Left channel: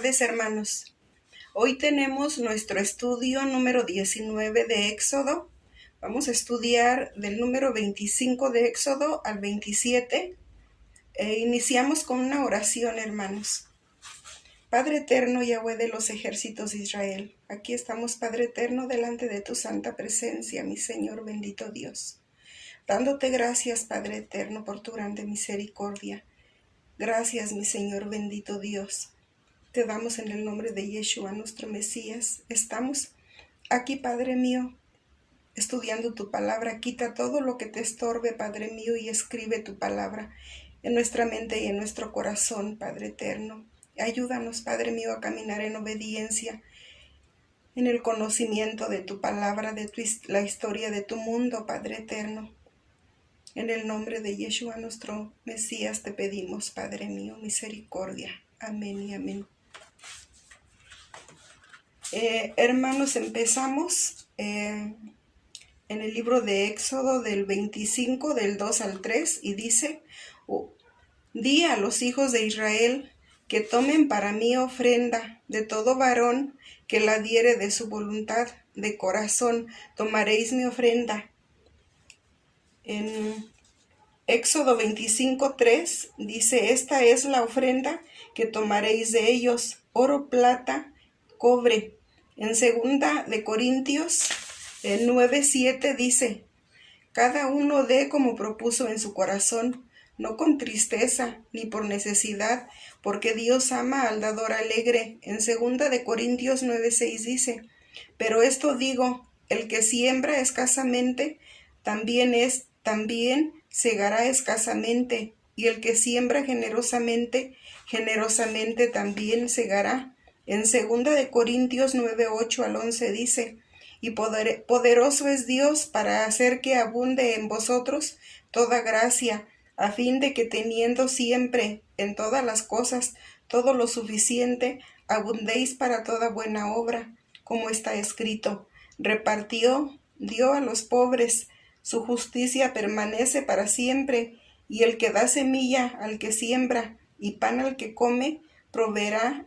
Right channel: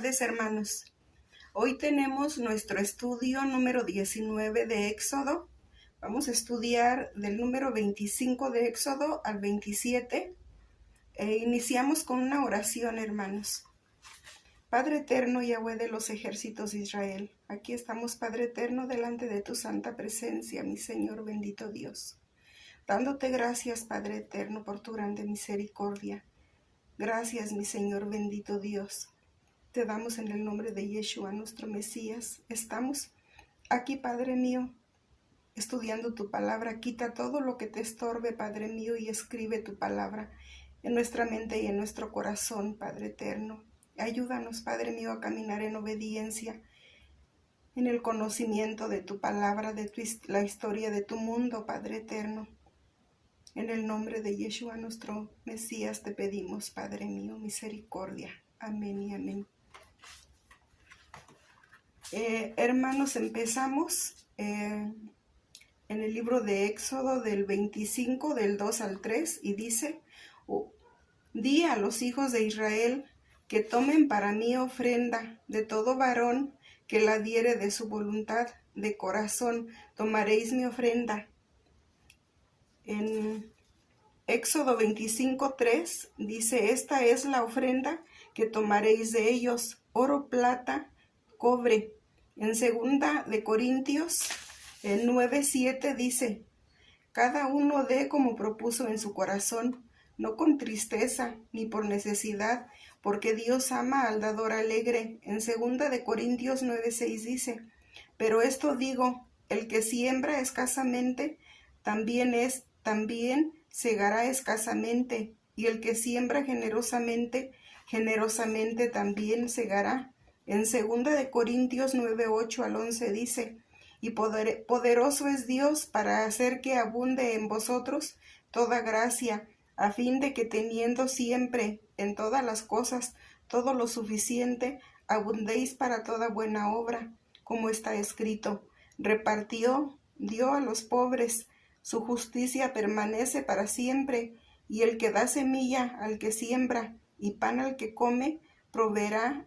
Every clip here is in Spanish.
tardes, hermanos. Hoy tenemos nuestro estudio número 19 de Éxodo. Vamos a estudiar del número 25 de Éxodo al 27. Iniciamos con una oración, hermanos. Padre eterno, Yahweh de los ejércitos de Israel, aquí estamos, Padre eterno, delante de tu santa presencia, mi Señor bendito Dios. Dándote gracias, Padre eterno, por tu grande misericordia. Gracias, mi Señor bendito Dios. Te damos en el nombre de Yeshua, nuestro Mesías. Estamos aquí, Padre mío, estudiando tu palabra. Quita todo lo que te estorbe, Padre mío, y escribe tu palabra en nuestra mente y en nuestro corazón, Padre eterno. Ayúdanos, Padre mío, a caminar en obediencia, en el conocimiento de tu palabra, de la historia de tu mundo, Padre eterno. En el nombre de Yeshua, nuestro Mesías, te pedimos, Padre mío, misericordia. Amén y amén. Hermanos, empezamos en el libro de Éxodo del 25, del 2 al 3, y dice: Di a los hijos de Israel que tomen para mí ofrenda de todo varón que la diere de su voluntad, de corazón tomaréis mi ofrenda. En Éxodo 25, 3 dice: Esta es la ofrenda que tomaréis de ellos, oro, plata, cobre. En 2 de Corintios 9, 7 dice: Cada uno dé como propuso en su corazón, no con tristeza ni por necesidad, porque Dios ama al dador alegre. En 2 de Corintios 9, 6 dice: Pero esto digo, el que siembra escasamente, también segará escasamente, y el que siembra generosamente, generosamente también segará. En 2 de Corintios 9, 8 al 11 dice: Y poderoso es Dios para hacer que abunde en vosotros toda gracia, a fin de que teniendo siempre en todas las cosas todo lo suficiente, abundéis para toda buena obra, como está escrito: dio a los pobres, su justicia permanece para siempre, y el que da semilla al que siembra y pan al que come, proveerá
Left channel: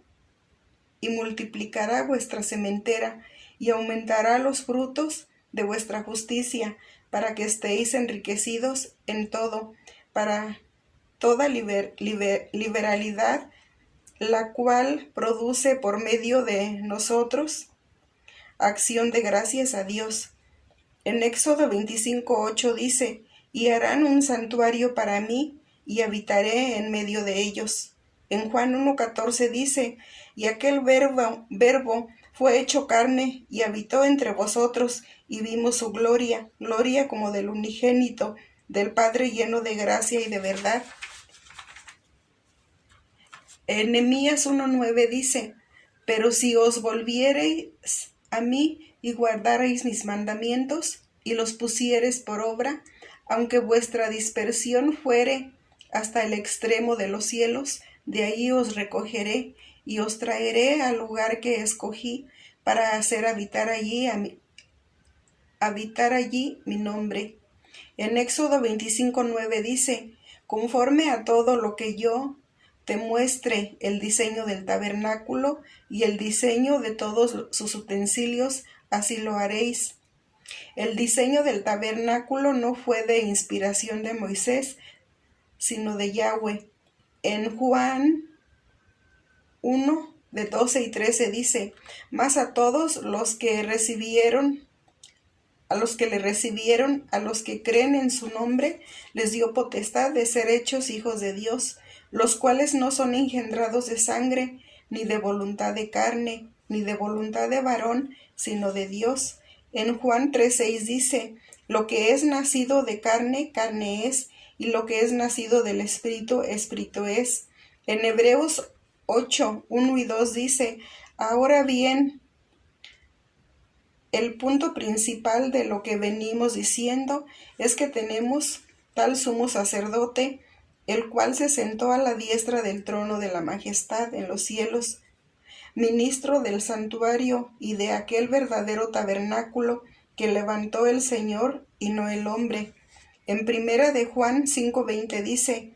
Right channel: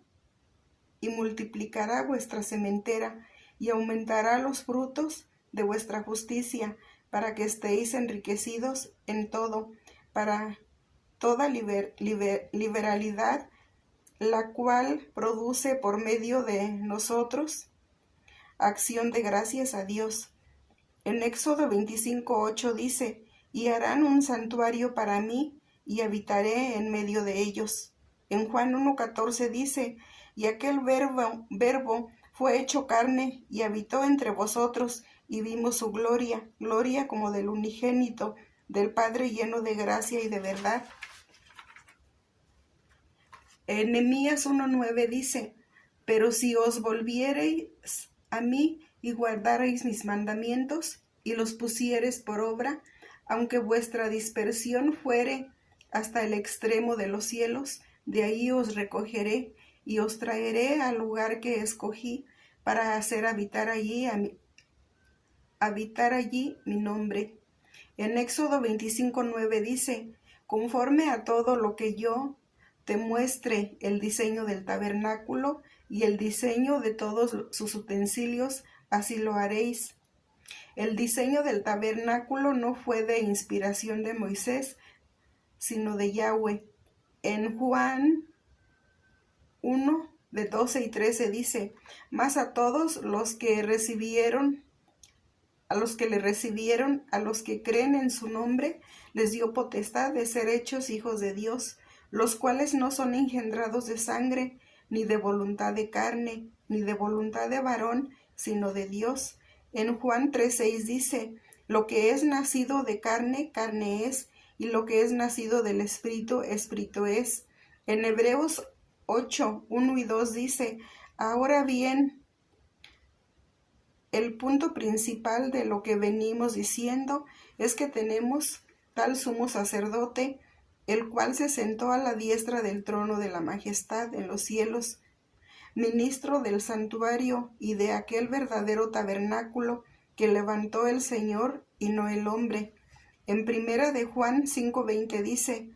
y multiplicará vuestra sementera, y aumentará los frutos de vuestra justicia, para que estéis enriquecidos en todo, para toda liberalidad, la cual produce por medio de nosotros acción de gracias a Dios. En Éxodo 25, 8 dice: Y harán un santuario para mí, y habitaré en medio de ellos. En Juan 1, 14 dice: Y aquel verbo fue hecho carne, y habitó entre vosotros, y vimos su gloria, gloria como del unigénito, del Padre, lleno de gracia y de verdad. En Nehemías 1:9 dice: Pero si os volviereis a mí y guardareis mis mandamientos y los pusiereis por obra, aunque vuestra dispersión fuere hasta el extremo de los cielos, de ahí os recogeré y os traeré al lugar que escogí para hacer habitar allí mi nombre. En Éxodo 25:9 dice: Conforme a todo lo que yo te muestre el diseño del tabernáculo y el diseño de todos sus utensilios, así lo haréis. El diseño del tabernáculo no fue de inspiración de Moisés, sino de Yahweh. En Juan 1, de 12 y 13 dice: Mas a todos los que le recibieron, a los que creen en su nombre, les dio potestad de ser hechos hijos de Dios, los cuales no son engendrados de sangre, ni de voluntad de carne, ni de voluntad de varón, sino de Dios. En Juan 3:6 dice: Lo que es nacido de carne, carne es, y lo que es nacido del Espíritu, Espíritu es. En Hebreos 8, 1 y 2 dice: Ahora bien, el punto principal de lo que venimos diciendo es que tenemos tal sumo sacerdote, el cual se sentó a la diestra del trono de la majestad en los cielos, ministro del santuario y de aquel verdadero tabernáculo que levantó el Señor y no el hombre. En 1 de Juan 5:20 dice:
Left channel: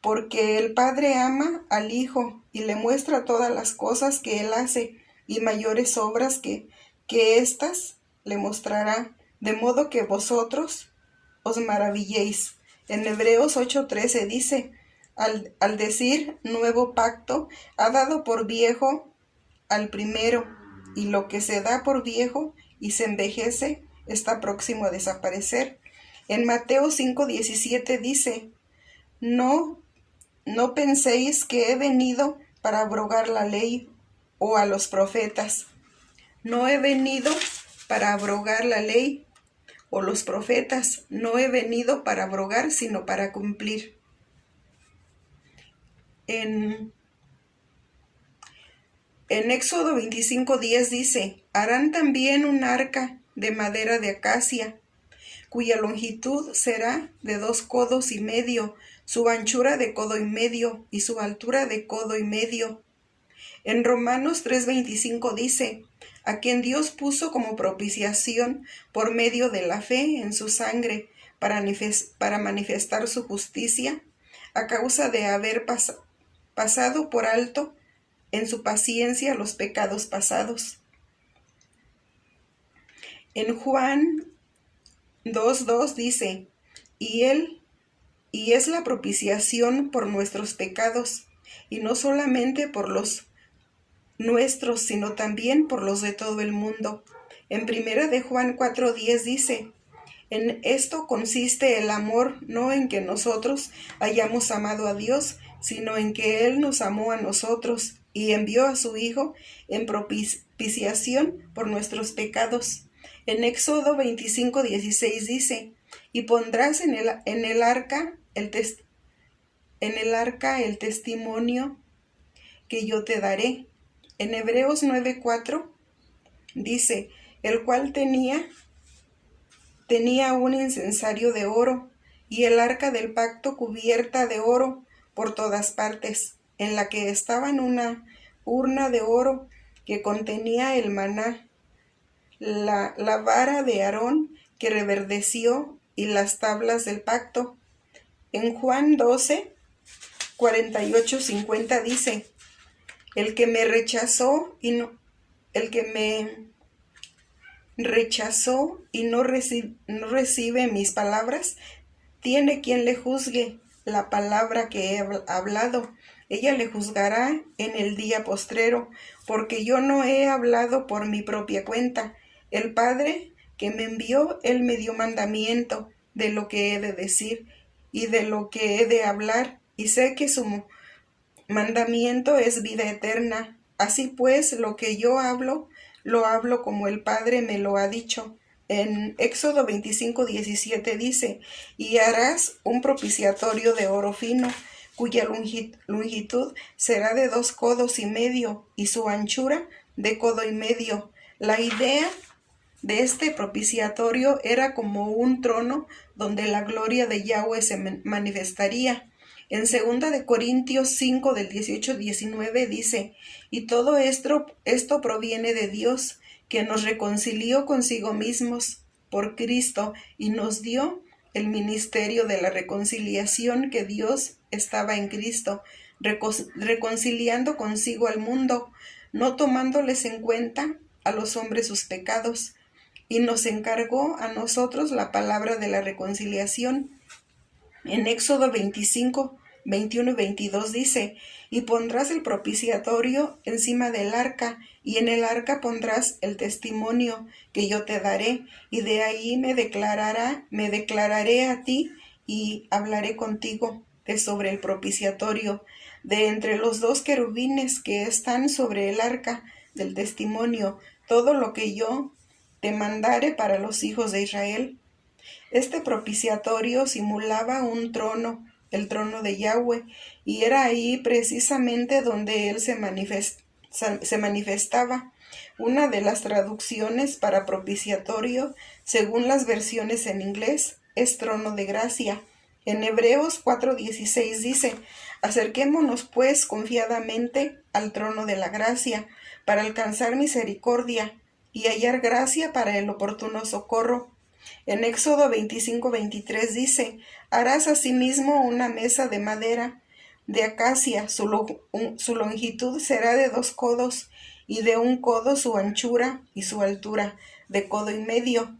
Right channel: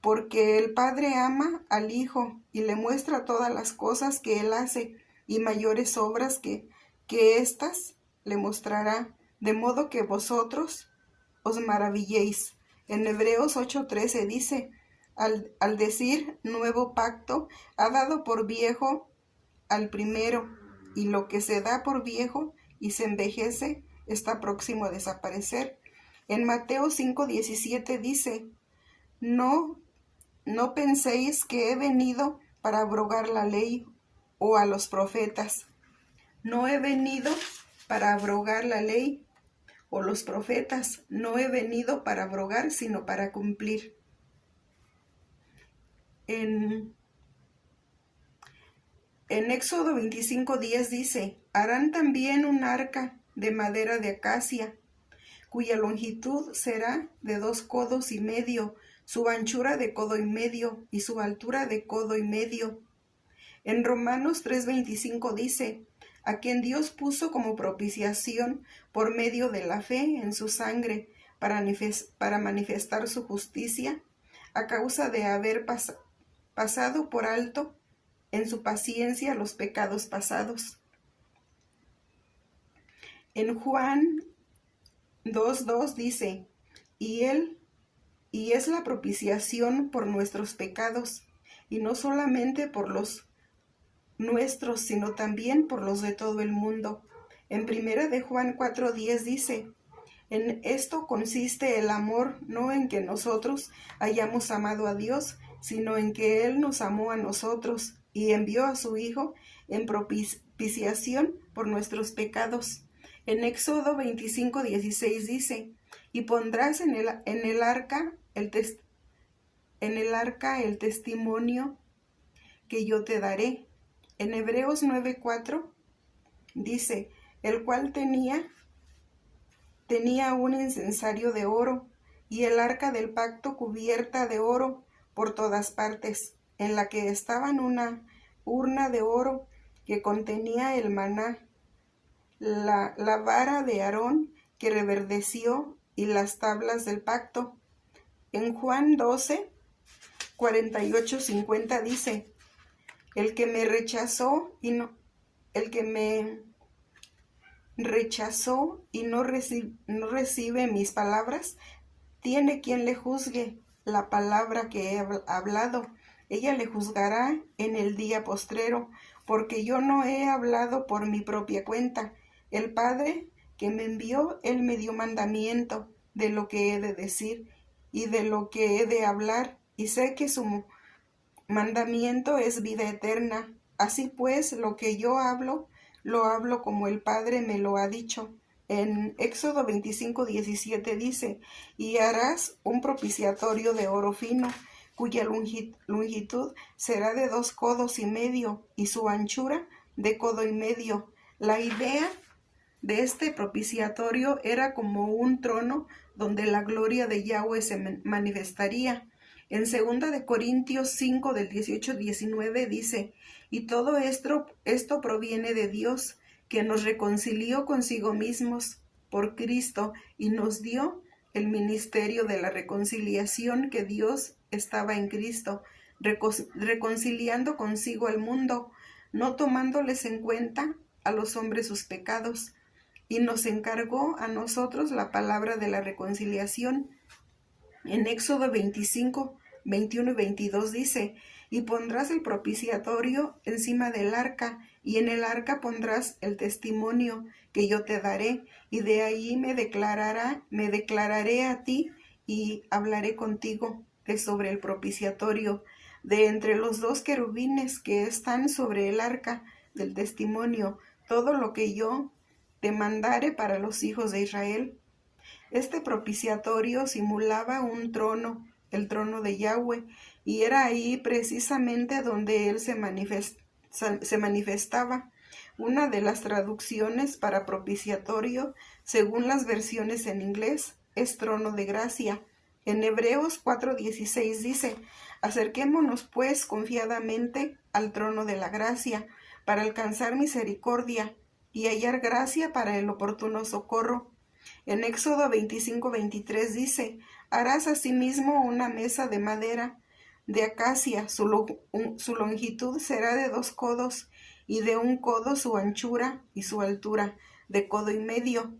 porque el Padre ama al Hijo y le muestra todas las cosas que Él hace y mayores obras que éstas le mostrará, de modo que vosotros os maravilléis. En Hebreos 8:13 dice, al decir nuevo pacto, ha dado por viejo al primero, y lo que se da por viejo y se envejece está próximo a desaparecer. En Mateo 5:17 dice, no, no penséis que he venido para abrogar la ley o a los profetas. No he venido para abrogar la ley o los profetas. No he venido para abrogar, sino para cumplir. En Éxodo 25:10 dice, harán también un arca de madera de acacia, cuya longitud será de 2 codos y medio, su anchura de codo y medio, y su altura de codo y medio. En Romanos 3:25 dice, a quien Dios puso como propiciación por medio de la fe en su sangre, para manifestar su justicia, a causa de haber pasado por alto en su paciencia los pecados pasados. En Juan 2:2 dice, y es la propiciación por nuestros pecados, y no solamente por los nuestros, sino también por los de todo el mundo. En primera de Juan 4:10 dice, en esto consiste el amor, no en que nosotros hayamos amado a Dios, sino en que Él nos amó a nosotros y envió a su Hijo en propiciación por nuestros pecados. En Éxodo 25:16 dice, y pondrás en el arca el testimonio que yo te daré. En Hebreos 9:4 dice, el cual tenía un incensario de oro, y el arca del pacto cubierta de oro por todas partes, en la que estaba una urna de oro que contenía el maná, la vara de Aarón que reverdeció y las tablas del pacto. En Juan 12:48-50 dice, el que me rechazó y no recibe mis palabras, tiene quien le juzgue la palabra que he hablado. Ella le juzgará en el día postrero, porque yo no he hablado por mi propia cuenta. El Padre que me envió, Él me dio mandamiento de lo que he de decir y de lo que he de hablar, y sé que su mandamiento es vida eterna. Así pues, lo que yo hablo, lo hablo como el Padre me lo ha dicho. En Éxodo 25:17 dice, y harás un propiciatorio de oro fino, cuya longitud será de 2 codos y medio, y su anchura de codo y medio. La idea de este propiciatorio era como un trono donde la gloria de Yahweh se manifestaría. En 2 de Corintios 5 del 18-19 dice, y todo esto proviene de Dios, que nos reconcilió consigo mismos por Cristo y nos dio el ministerio de la reconciliación, que Dios estaba en Cristo, reconciliando consigo al mundo, no tomándoles en cuenta a los hombres sus pecados, y nos encargó a nosotros la palabra de la reconciliación. En Éxodo 25:21-22 dice, y pondrás el propiciatorio encima del arca, y en el arca pondrás el testimonio que yo te daré, y de ahí me declararé a ti y hablaré contigo de sobre el propiciatorio, de entre los 2 querubines que están sobre el arca del testimonio, todo lo que yo te mandare para los hijos de Israel. Este propiciatorio simulaba un trono, el trono de Yahweh, y era ahí precisamente donde él se manifestaba. Una de las traducciones para propiciatorio, según las versiones en inglés, es trono de gracia. En Hebreos 4:16 dice, acerquémonos pues confiadamente al trono de la gracia, para alcanzar misericordia y hallar gracia para el oportuno socorro. En Éxodo 25:23 dice, harás asimismo una mesa de madera, de acacia, su longitud será de 2 codos, y de 1 codo su anchura, y su altura de codo y medio.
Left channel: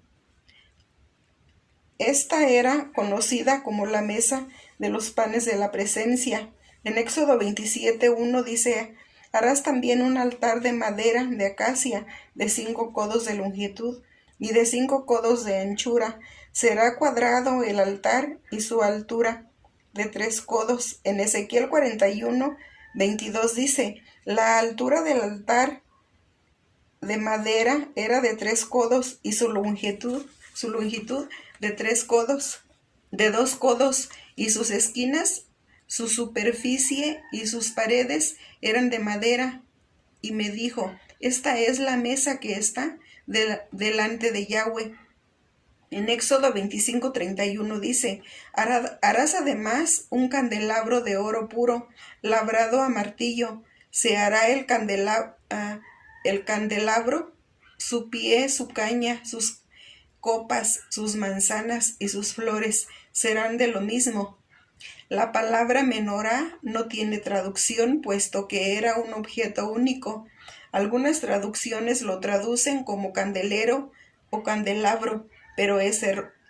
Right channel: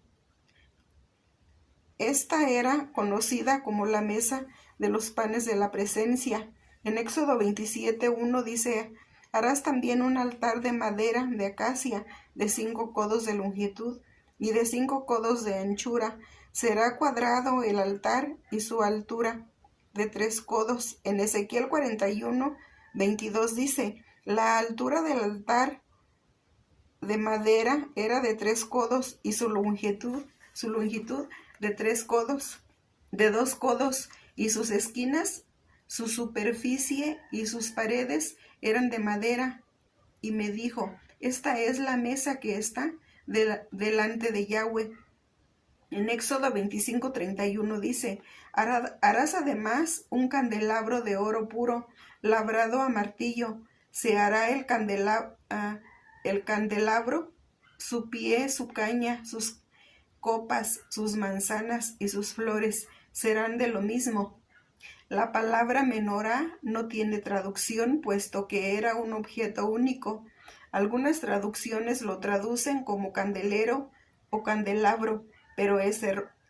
Esta era conocida como la mesa de los panes de la presencia. En Éxodo 27:1 dice: harás también un altar de madera de acacia de 5 codos de longitud y de 5 codos de anchura. Será cuadrado el altar y su altura de 3 codos. En Ezequiel 41:22 dice: la altura del altar de madera era de 3 codos y su longitud de 3 codos, de 2 codos, y sus esquinas, su superficie y sus paredes eran de madera. Y me dijo: esta es la mesa que está delante de Yahweh. En Éxodo 25:31 dice: harás además un candelabro de oro puro, labrado a martillo. Se hará el candelabro, su pie, su caña, sus copas, sus manzanas y sus flores serán de lo mismo. La palabra menorá no tiene traducción, puesto que era un objeto único. Algunas traducciones lo traducen como candelero o candelabro, pero es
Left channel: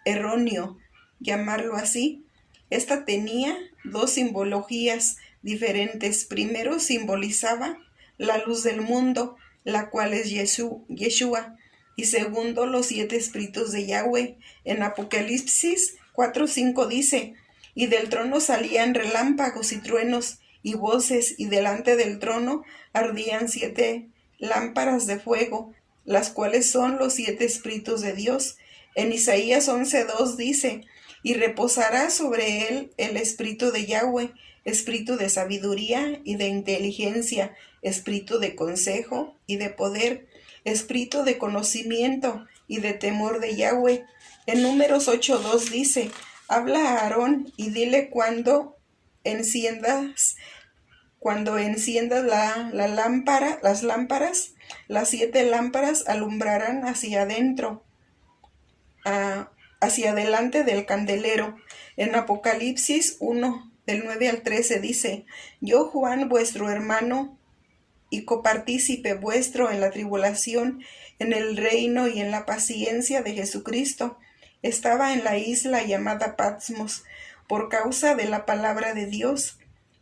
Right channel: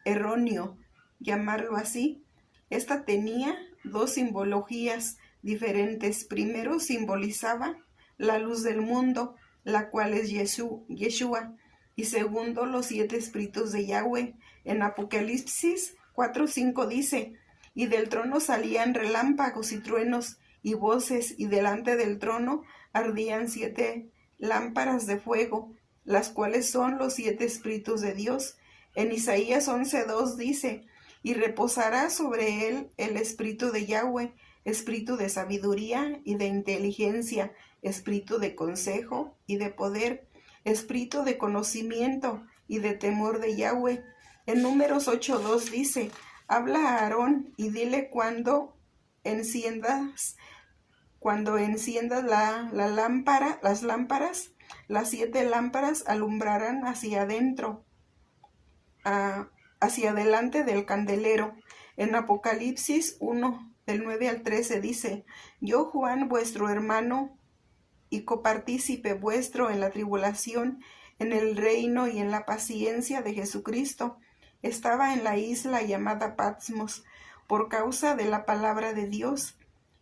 erróneo llamarlo así. Esta tenía 2 simbologías diferentes. Primero, simbolizaba la luz del mundo, la cual es Yeshua. Y segundo, los 7 espíritus de Yahweh. En Apocalipsis 4:5 dice: y del trono salían relámpagos y truenos y voces, y delante del trono ardían 7 lámparas de fuego, las cuales son los 7 espíritus de Dios. En Isaías 11:2 dice: y reposará sobre él el espíritu de Yahweh, espíritu de sabiduría y de inteligencia, espíritu de consejo y de poder, espíritu de conocimiento y de temor de Yahweh. En Números 8:2 dice: habla a Aarón y dile cuando enciendas las lámparas, las 7 lámparas alumbrarán hacia adentro, hacia adelante del candelero. En Apocalipsis 1, del 9 al 13 dice: yo, Juan, vuestro hermano y copartícipe vuestro en la tribulación, en el reino y en la paciencia de Jesucristo, estaba en la isla llamada Patmos por causa de la palabra de Dios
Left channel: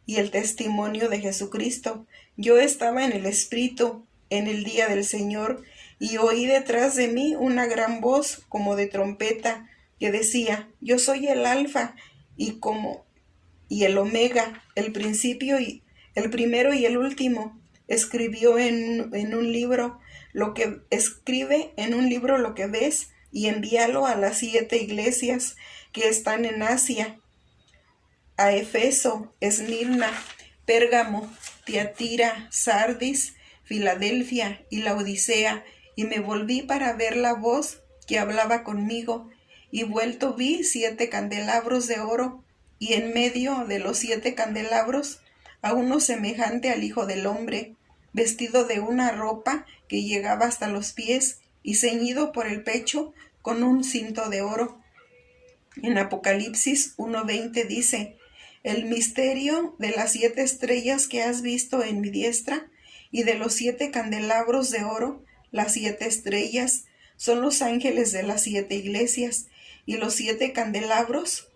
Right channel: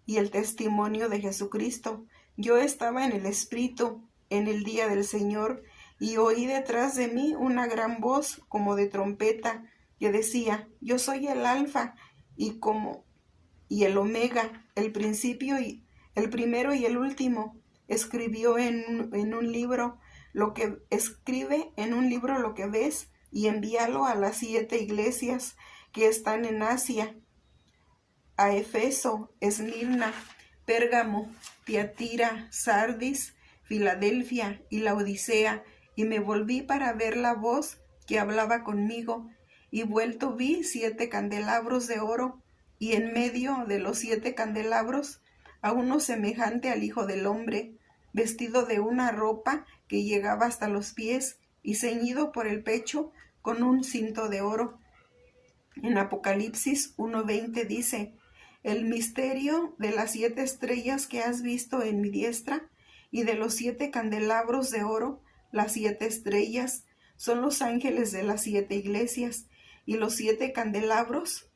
y el testimonio de Jesucristo. Yo estaba en el Espíritu en el día del Señor, y oí detrás de mí una gran voz como de trompeta que decía: yo soy el Alfa y el Omega, el principio y el primero y el último. Escribe en un libro lo que ves, y envíalo a las 7 iglesias que están en Asia: a Efeso, Esmirna, Pérgamo, Tiatira, Sardis, Filadelfia y Laodicea. Y me volví para ver la voz que hablaba conmigo, y vuelto vi 7 candelabros de oro, y en medio de los 7 candelabros a uno semejante al Hijo del Hombre, vestido de una ropa que llegaba hasta los pies, y ceñido por el pecho con un cinto de oro. En Apocalipsis 1:20 dice: el misterio de las 7 estrellas que has visto en mi diestra, y de los 7 candelabros de oro. Las 7 estrellas son los ángeles de las 7 iglesias, y los 7 candelabros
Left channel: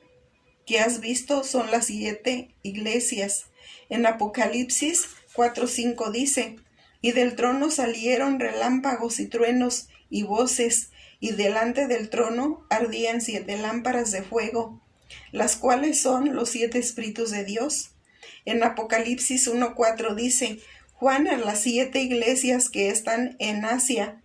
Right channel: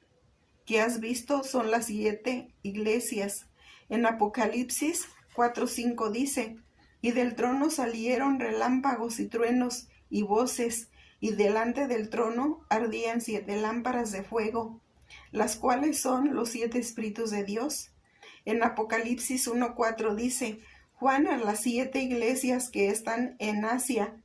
que has visto son las 7 iglesias. En Apocalipsis 4:5 dice: y del trono salieron relámpagos y truenos y voces, y delante del trono ardían 7 lámparas de fuego, las cuales son los 7 espíritus de Dios. En Apocalipsis 1:4 dice: Juan, a las 7 iglesias que están en Asia,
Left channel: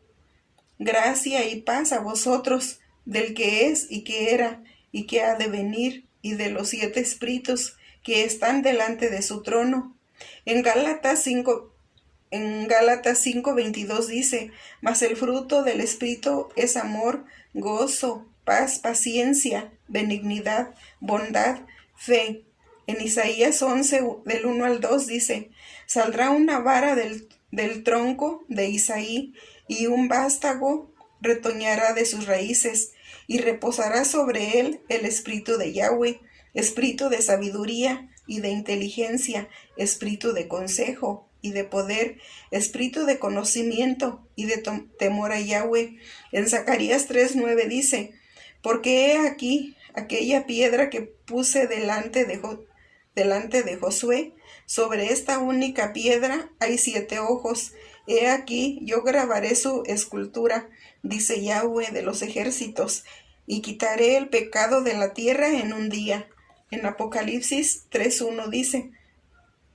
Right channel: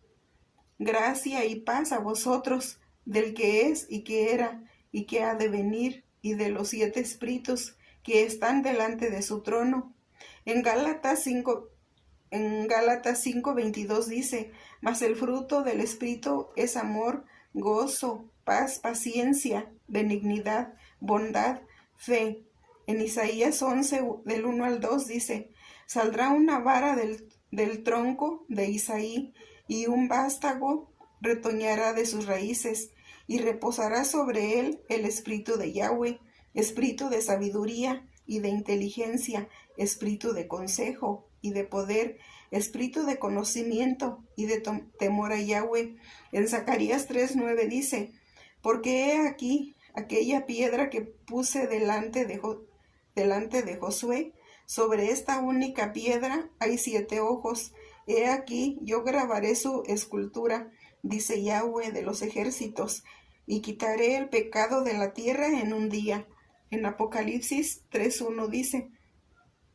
gracia y paz a vosotros, del que es y que era y que ha de venir, y de los 7 espíritus que están delante de su trono. En Gálatas 5:22 dice: mas el fruto del Espíritu es amor, gozo, paz, paciencia, benignidad, bondad, fe. En Isaías 11, del 1 al 2 dice: saldrá una vara del tronco de Isaí, y un vástago retoñará de sus raíces, y reposará sobre él el espíritu de Yahweh, espíritu de sabiduría y de inteligencia, espíritu de consejo y de poder, espíritu de conocimiento y de temor a Yahweh. En Zacarías 3:9 dice, porque he aquí aquella piedra que puse delante de Josué, sobre esta única piedra hay 7 ojos. He aquí, yo grabaré su escultura, dice Yahweh de los ejércitos, y quitaré el pecado de la tierra en un día. En Apocalipsis 3:1 dice,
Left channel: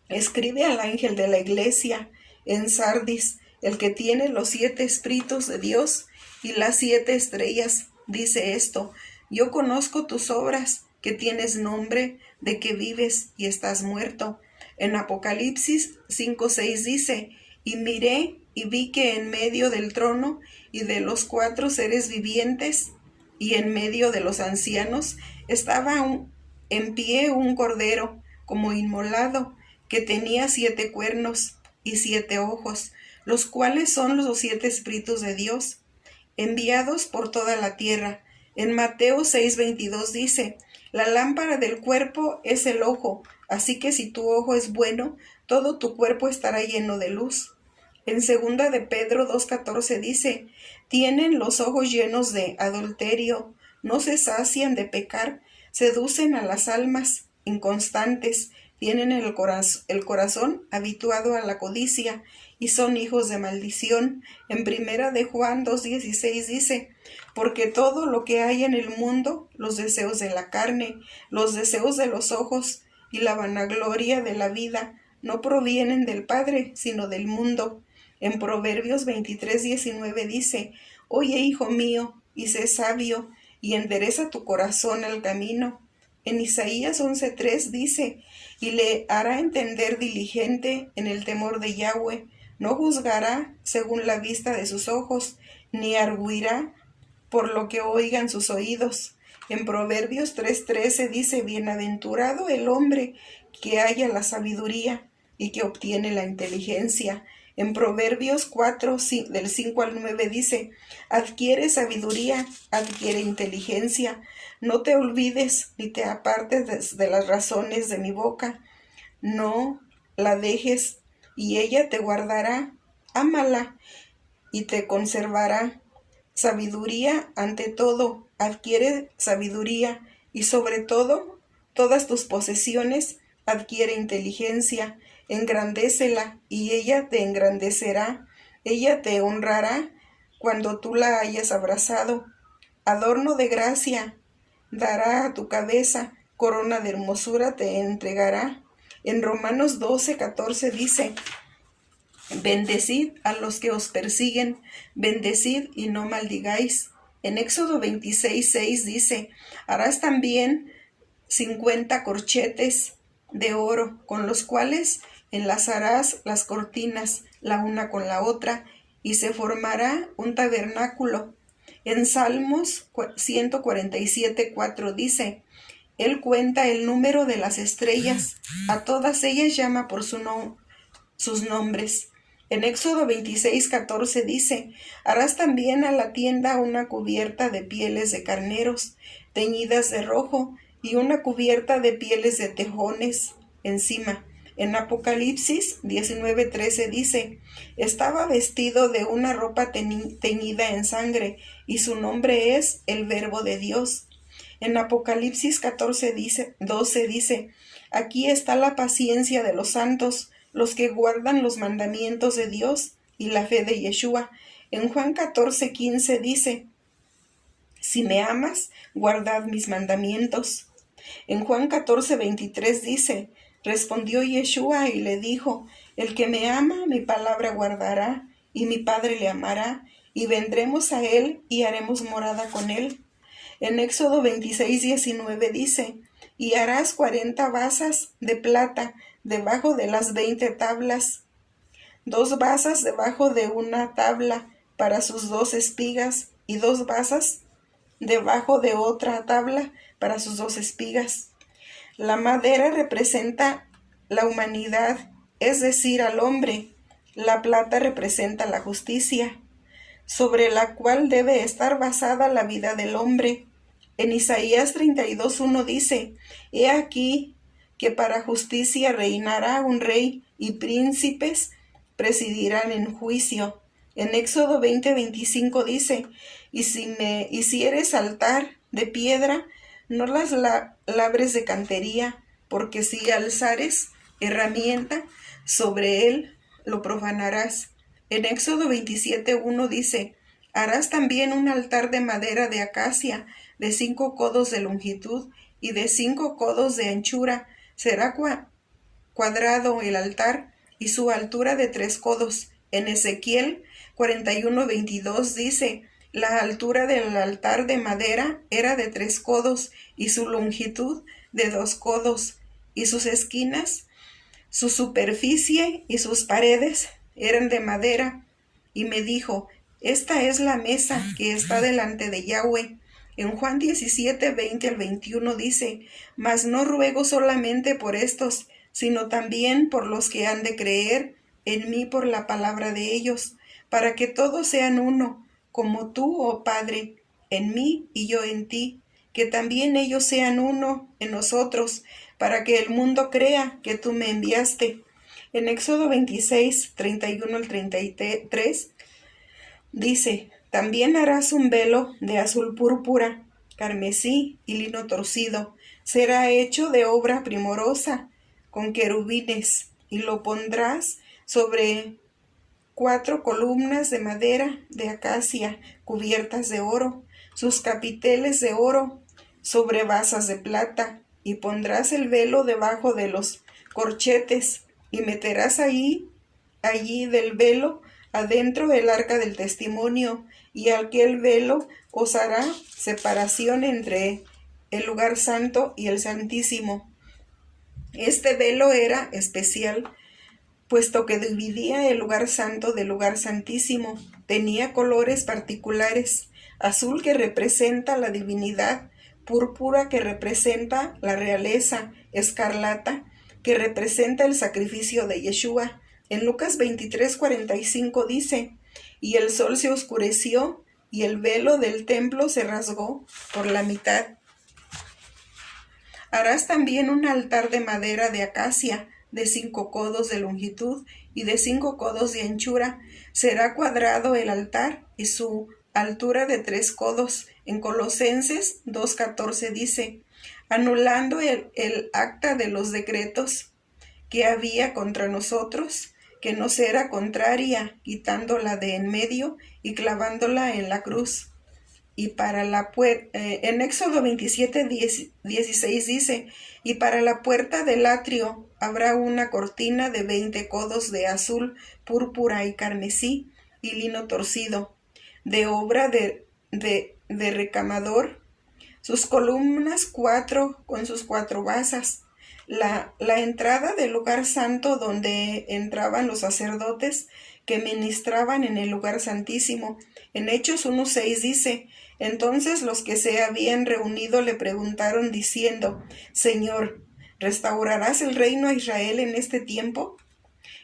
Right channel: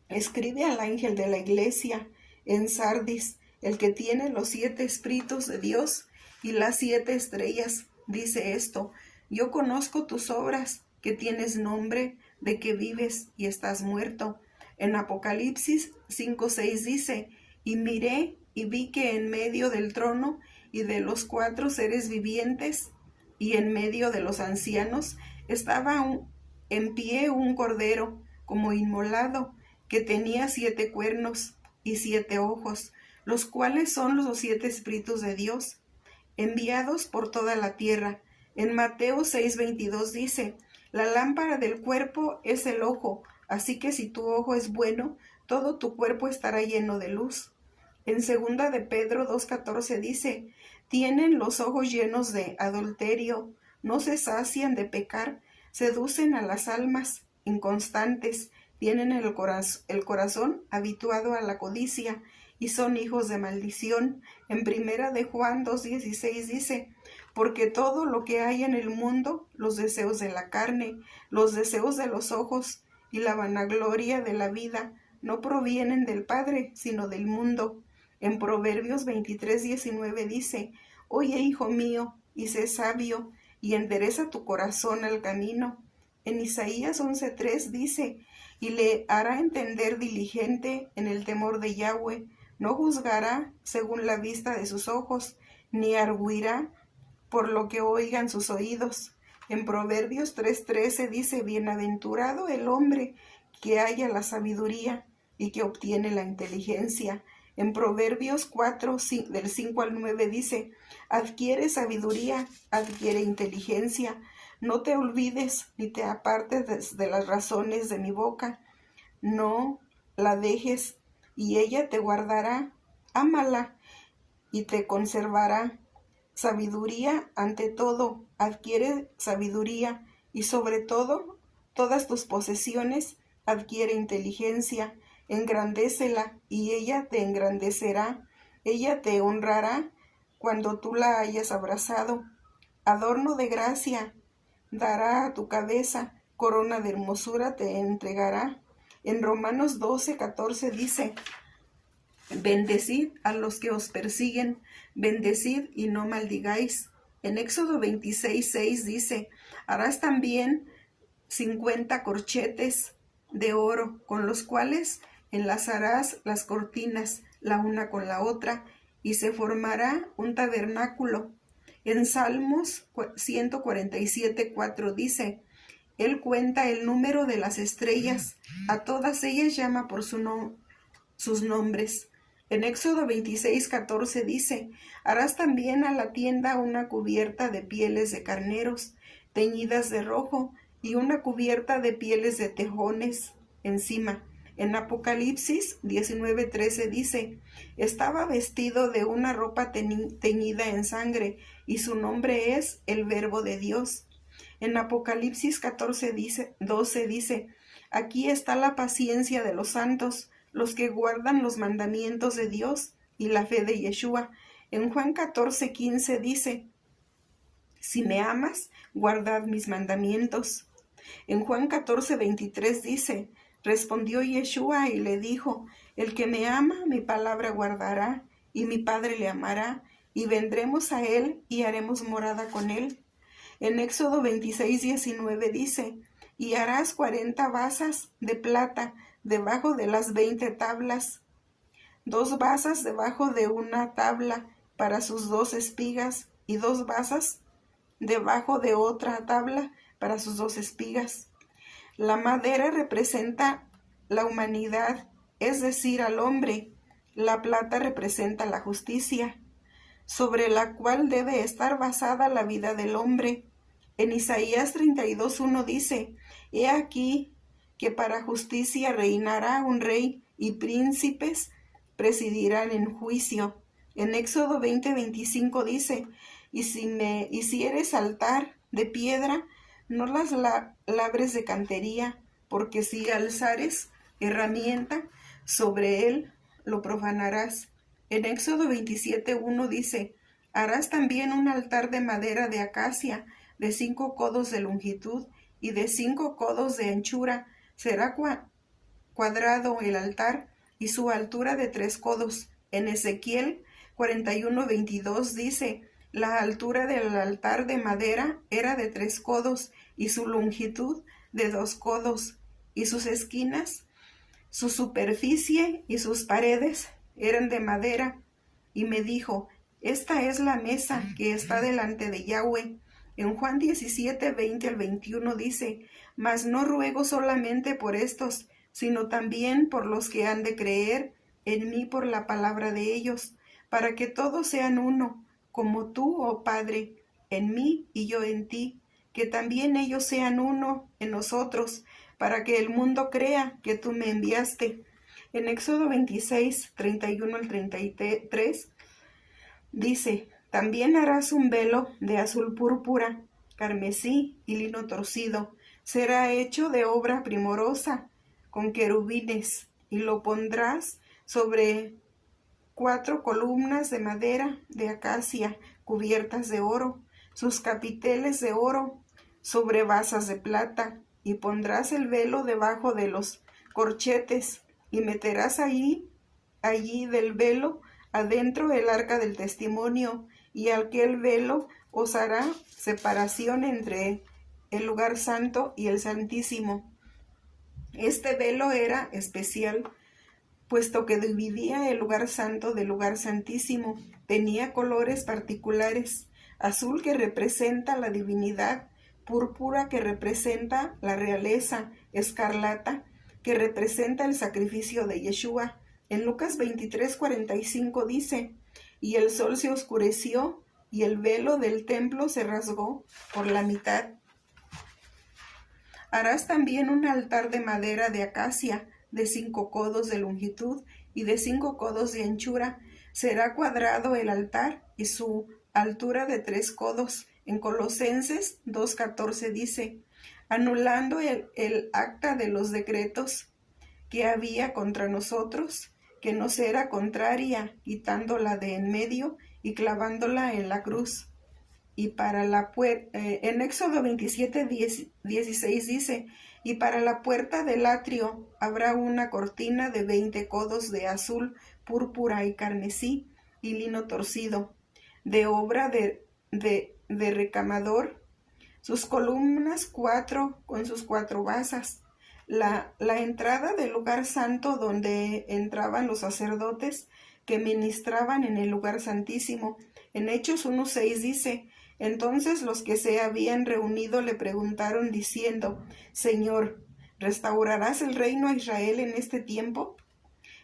escribe al ángel de la iglesia en Sardis, el que tiene los 7 espíritus de Dios y las 7 estrellas, dice esto, yo conozco tus obras, que tienes nombre de que vives y estás muerto. En Apocalipsis 5:6 dice, y miré y vi que en medio del trono y de los 4 seres vivientes y en medio de los ancianos estaba en pie un cordero como inmolado, que tenía 7 cuernos y 7 ojos, los cuales son los 7 espíritus de Dios, enviados por toda la tierra. En Mateo 6:22 dice, la lámpara del cuerpo es el ojo, así que si tu ojo es bueno, todo tu cuerpo estará lleno de luz. En 2 de Pedro 2:14 dice, tienen los ojos llenos de adulterio, no se sacian de pecar, seducen a las almas inconstantes, tienen el corazón habituado a la codicia y son hijos de maldición. En 1 de Juan 2:16 dice, porque todo lo que hay en el mundo, los deseos de la carne, los deseos de los ojos y la vanagloria de la vida, no provienen del Padre, sino del mundo. En Proverbios 23:19 dice, oye, hijo mío, y sé sabio, y endereza tu corazón al camino. En Isaías 11:3 dice, y le hará entender diligente en el temor de Yahweh, no juzgará según la vista de sus ojos, ni arguirá por lo que oigan sus oídos. En Proverbios 3:13 dice, bienaventurado el hombre que halla la sabiduría y que obtiene la inteligencia. En Proverbios 4, del 5 al 9 dice, adquiere sabiduría, adquiere inteligencia, no te olvides ni te apartes de las razones de mi boca, no la dejes y ella te guardará, ámala y te conservará. Sabiduría ante todo, adquiere sabiduría y sobre todo, todas tus posesiones, adquiere inteligencia. Engrandécela y ella te engrandecerá, ella te honrará cuando tú la hayas abrazado. Adorno de gracia dará a tu cabeza, corona de hermosura te entregará. En Romanos 12:14 dice, bendecid a los que os persiguen, bendecid y no maldigáis. En Éxodo 26:6 dice, harás también 50 corchetes de oro, con los cuales enlazarás las cortinas la una con la otra, y se formará un tabernáculo. En Salmos 147:4 dice, él cuenta el número de las estrellas, a todas ellas llama por sus nombres. En Éxodo 26:14 dice, harás también a la tienda una cubierta de pieles de carneros, teñidas de rojo, y una cubierta de pieles de tejones encima. En Apocalipsis 19:13 dice, estaba vestido de una ropa teñida en sangre, y su nombre es el Verbo de Dios. En Apocalipsis 12 dice, aquí está la paciencia de los santos, los que guardan los mandamientos de Dios y la fe de Yeshua. En Juan 14:15 dice, si me amas, guardad mis mandamientos. En Juan 14:23 dice, respondió Yeshua y le dijo, el que me ama, mi palabra guardará, y mi Padre le amará, y vendremos a él y haremos morada con él. En Éxodo 26:19 dice, y harás 40 basas de plata debajo de las 20 tablas, 2 basas debajo de una tabla para sus 2 espigas, y 2 basas debajo de otra tabla para sus 2 espigas. La madera representa la humanidad, es decir, al hombre. La plata representa la justicia, sobre la cual debe estar basada la vida del hombre. En Isaías 32:1 dice, he aquí, que para justicia reinará un rey y príncipes presidirán en juicio. En Éxodo 20:25 dice, y si me hicieres altar de piedra, no las labres de cantería, porque si alzares herramienta sobre él, lo profanarás. En Éxodo 27:1 dice, harás también un altar de madera de acacia, de 5 codos de longitud y de 5 codos de anchura. Será cuadrado el altar y su altura de 3 codos. En Ezequiel 41:22 dice, la altura del altar de madera era de 3 codos y su longitud de 2 codos, y sus esquinas, su superficie y sus paredes eran de madera. Y me dijo, esta es la mesa que está delante de Yahweh. En Juan 17:20-21 dice, mas no ruego solamente por estos, sino también por los que han de creer en mí por la palabra de ellos, para que todos sean uno, como tú, oh Padre, en mí y yo en ti, que también ellos sean uno en nosotros, para que el mundo crea que tú me enviaste. En Éxodo 26:31-33 dice, también harás un velo de azul púrpura, carmesí y lino torcido. Será hecho de obra primorosa, con querubines, y lo pondrás sobre 4 columnas de madera de acacia cubiertas de oro, sus capiteles de oro sobre basas de plata, y pondrás el velo debajo de los corchetes, y meterás allí del velo adentro el arca del testimonio, y aquel velo os hará separación entre el lugar santo y el santísimo. Este velo era especial, puesto que dividía el lugar santo del lugar santísimo. Tenía colores particulares: azul, que representa la divinidad; púrpura, que representa la realeza; escarlata, que representa el sacrificio de Yeshua. En Lucas 23:45 dice, y el sol se oscureció, y el velo del templo se rasgó por la mitad. Harás también un altar de madera de acacia, de 5 codos de longitud y de 5 codos de anchura. Será cuadrado el altar y su altura de 3 codos. En Colosenses 2:14 dice, anulando el acta de los decretos que había contra nosotros, que nos era contraria, quitándola de en medio y clavándola en la cruz. Y para la puerta, en Éxodo 27:16 dice, y para la puerta del atrio habrá una cortina de 20 codos de azul, púrpura y carmesí y lino torcido, de obra de recamador, sus columnas 4 con sus 4 basas. La entrada del lugar santo, donde entraban los sacerdotes que ministraban en el lugar santísimo. En Hechos 1:6 dice, entonces los que se habían reunido le preguntaron diciendo, Señor, ¿restaurarás el reino a Israel en este tiempo?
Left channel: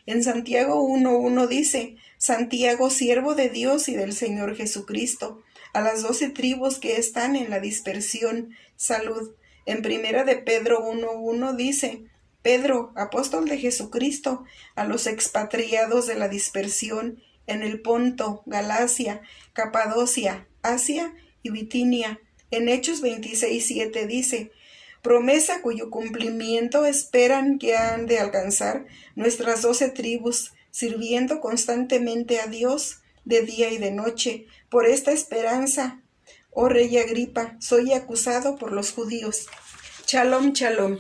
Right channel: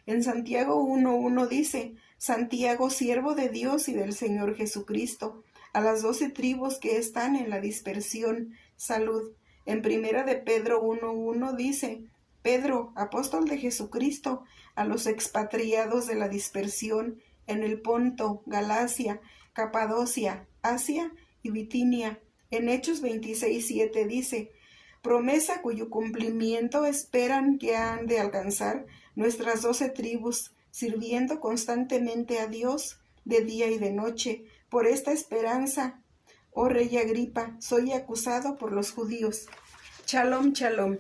En Santiago 1:1 dice, Santiago, siervo de Dios y del Señor Jesucristo, a las 12 tribus que están en la dispersión, salud. En Primera de Pedro 1:1 dice, Pedro, apóstol de Jesucristo, a los expatriados de la dispersión en el Ponto, Galacia, Capadocia, Asia y Bitinia. En Hechos 26:7 dice, promesa cuyo cumplimiento esperan que han de alcanzar nuestras 12 tribus, sirviendo constantemente a Dios de día y de noche. Por esta esperanza, oh rey Agripa, soy acusado por los judíos. Shalom, shalom.